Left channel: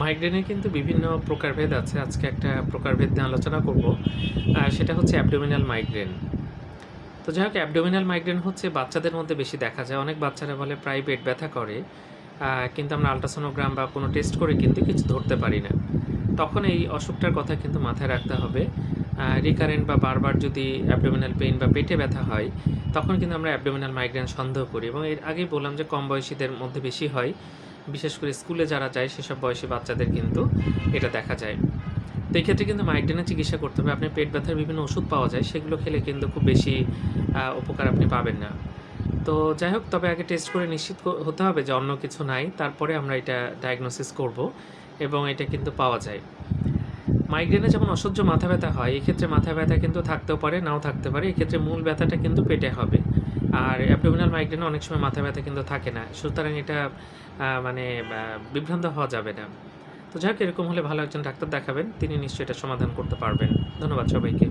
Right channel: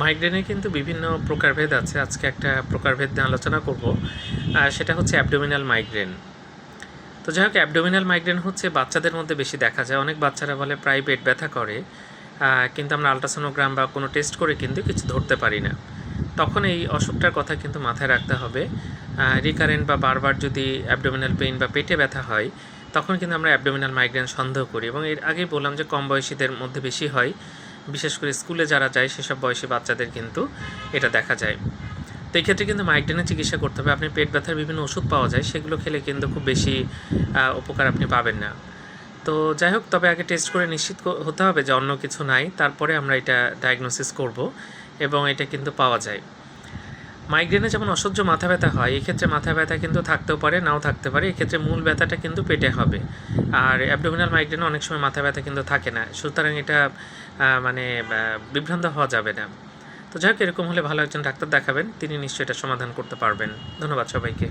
মাইগ্রেনের কিন্তু বিভিন্ন প্রকারভেদ আছে। আজকে একটা প্রকারভেদ নিয়ে আলোচনা করব। সেটা হচ্ছে অ্যাবডোমিনাল মাইগ্রেন। তো যাই হোক, অ্যাবডোমিনাল মাইগ্রেন হচ্ছে বাচ্চাদের মধ্যে বেশি দেখা যায়। অনেক বাচ্চারা বলে প্রায় পেট ব্যথা করে, কিন্তু আমরা আল্ট্রাসোনোগ্রাম বা কোনো টেস্ট করে কিন্তু কিছু ধরতে পারি না। তখন এই অসুখটার কথা কিন্তু মাথায় রাখতে হবে। রিকারেন্ট বা বারবার যদি অ্যাবডোমিনাল পেইন বা পেটে ব্যথা হয়, তখন কিন্তু আমরা অ্যাবডোমিনাল মাইগ্রেন সন্দেহ করি। এবং এর আগেই বললাম যে কম বয়সীদের মধ্যে বেশি হয়, বিশেষ করে স্কুলে যারা যায় সেসব বয়সী বাচ্চাদের কিন্তু এটা দেখা যায়। তো এই ক্ষেত্রে কিন্তু মাইগ্রেনের চিকিৎসা করতে হবে। আপনি পেট ব্যথার বিভিন্ন ওষুধ পাওয়া যায়, সেগুলো খেলে কিন্তু খুব বেশি উপকার আপনি পাবেন না। তো যাই হোক, তবে আগে টেস্ট করে নিশ্চিত হতে হবে যে অন্য কিছু নাই, তারপরে আমরা এটা ডায়াগনোসিস করব এবং এটা কিন্তু পাওয়া যায়। মাইগ্রেনে যেমন অসহ্য মাথা ব্যথা হয়, এক্ষেত্রে মাথা ব্যথা কিন্তু থাকতেও পারে, নাও থাকতে পারে। এক্ষেত্রে মূল ব্যথাটা কিন্তু পেটে হবে। আর অ্যাবডোমিনাল মাইগ্রেনে অনেক সময় মাথা ব্যথা কিন্তু থাকে না, সুতরাং এটা মানে বিভ্রান্ত হওয়া যাবে না। তো যাই হোক, এরকম হলে ভালো একজন ডাক্তার দেখাবেন, তিনি নিশ্চয়ই এটা সমাধান করতে পারবেন। ধন্যবাদ সবাইকে।